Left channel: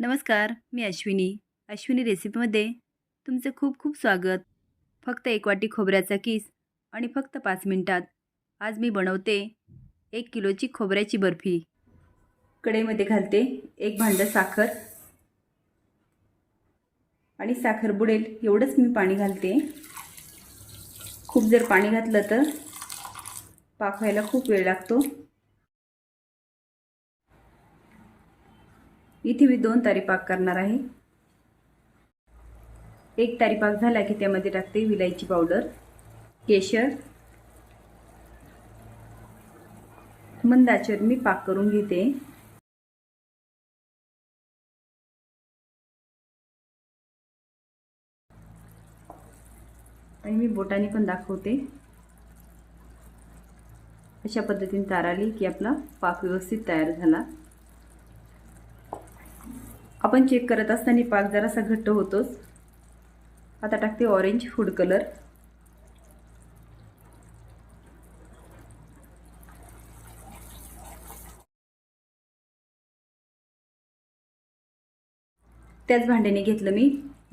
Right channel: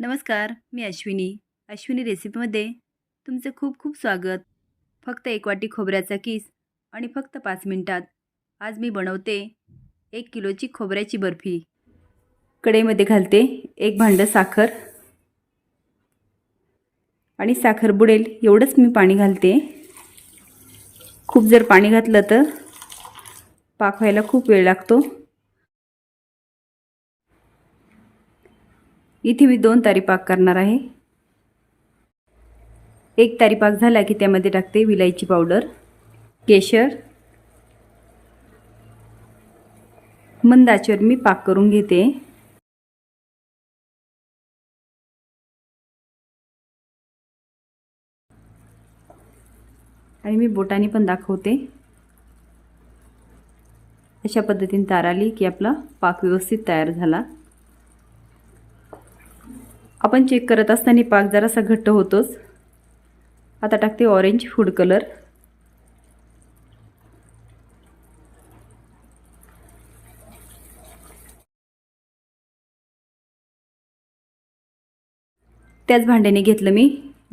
नमस्कार मी अश्विनी. अश्विनी रेसिपीमध्ये तुमचं खूप खूप स्वागत. फक्त एक वाटी खोबऱ्याचा किस आणि फक्त पाच मिनटात आज मी बनवते एक किलोची खोबऱ्याची बर्फी. कढईमध्ये घालते एक भांडं साखर आणि साखर बुडेल एवढंच मी पाणी घालते. खूप जर पाणी घातलं तर पाक व्हायला खूप वेळ लागतो. इथे मी दोन तारी पाक करणार आहे. एक तारी पाक झाला की त्यामध्ये टाकते विलायची पावडर केशर मंद आचेवर मी पाक करून घेते. आणि मी बोटाने पण दाखवते. अशा पद्धतीने तार आली की आपला पाक व्यवस्थित तयार झाला. आपण चेक करत असताना पाक जरासा घट्ट होतोच. आता टाकते ऑरेंज फूड कलर त्याच भांड्याने घेतलं मी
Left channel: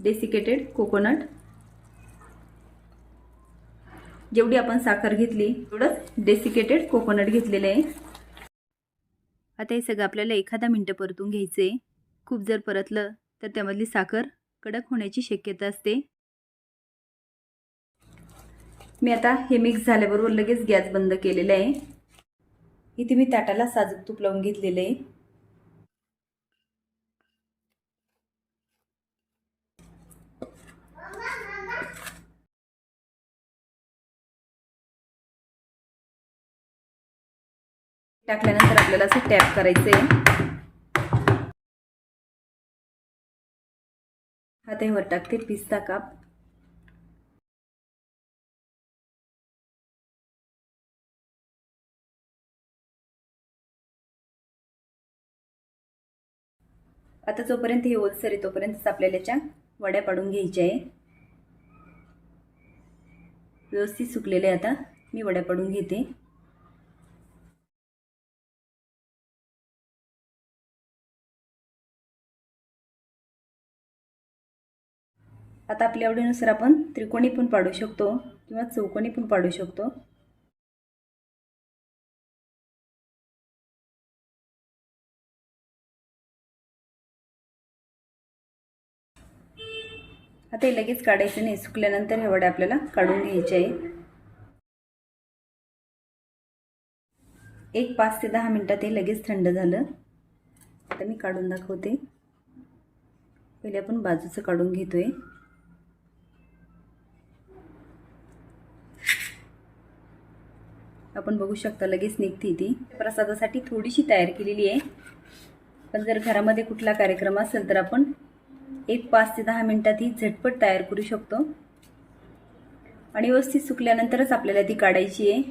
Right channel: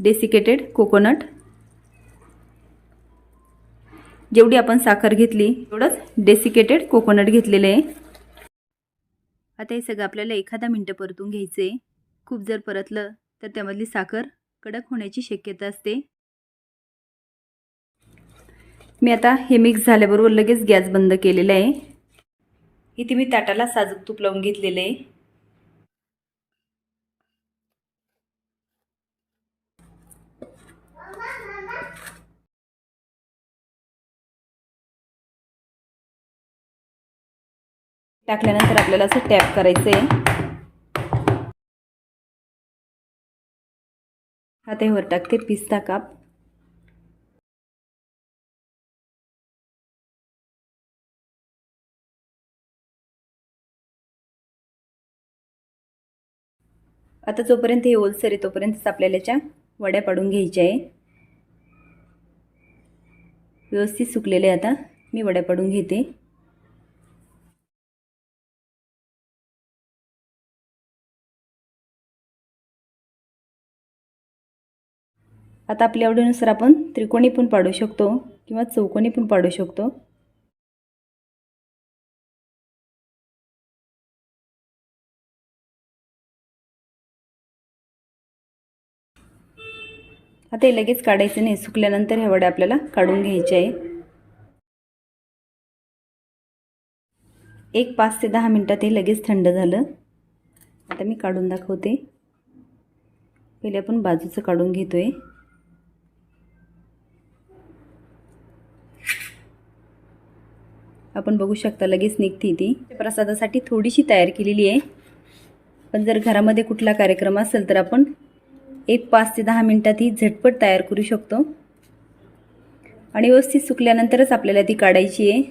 डेसिकेटेड कोकोनट जेवढी आपण साखर घेतली तेवढंच डेसिकेटेड कोकोनट घेतलेलं आहे. आता हे सगळं आपल्याला एखादा मिनटं परतून घ्यायचं आहे खूप जर परतलं तर त्यामधली साखर कडक होण्याची शक्यता असते. मी आता हे मिक्स झाल्याबरोबर लगेच गॅस बंद केलेला आहे. इथे मी ताटाला साजूक तूप लावून घेतलेलं आहे. टाकल्यानंतर आपल्याला असं टॅप करायचं आहे हा वर टाकते पिस्ता काप. आता जोपर्यंत हे ओलसर आहे तोपर्यंतच आपल्याला याच्या वड्या पाडून घ्यायच्या आहे. व्यवस्थित सुकलेले आता. मी वड्या पाडून घेते. आता आपल्या आवडीनुसार आपण त्रिकोणी पण पाडू शकतो किंवा चौकोनी पण पाडू शकतो. आता हे लगेच काढायचं नाही सुकल्यानंतर हे वडे आपल्याला काढून घ्यायचे आहे एक पाच ते दहा मिनटात हे लगेच थंड झालं. आता मी काढून दाखवते. पहिले आपण बाजूचं काढून घेतो आहे आपण बघू शकता लगेच निघते ती. प्रसादासाठी थोडीशी तयार केलेली आहे. पण जर घरामध्ये कुठला कार्यक्रम असेल तर आपण एक पाच ते दहा मिनटात ही झटपट तयार करू शकतो. आणि व्यवस्थित सुकल्यानंतरच आपल्याला ती काढायची आहे.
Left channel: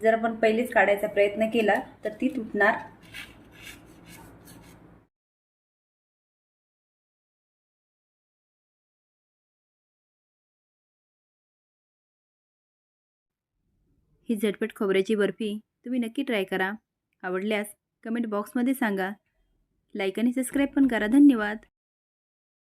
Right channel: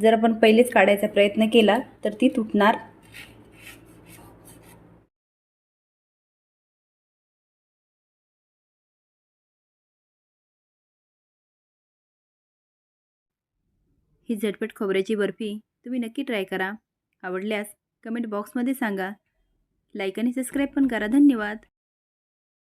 जर आपण पहिलेच काढायचा प्रयत्न केला तर ती तुटणार ही झटपट खोबऱ्याची बर्फी तुम्ही नक्की ट्राय करा. आवडल्यास कमेंट बॉक्समध्ये सांगा. लाईक आणि सबस्क्राईब पण करा. धन्यवाद.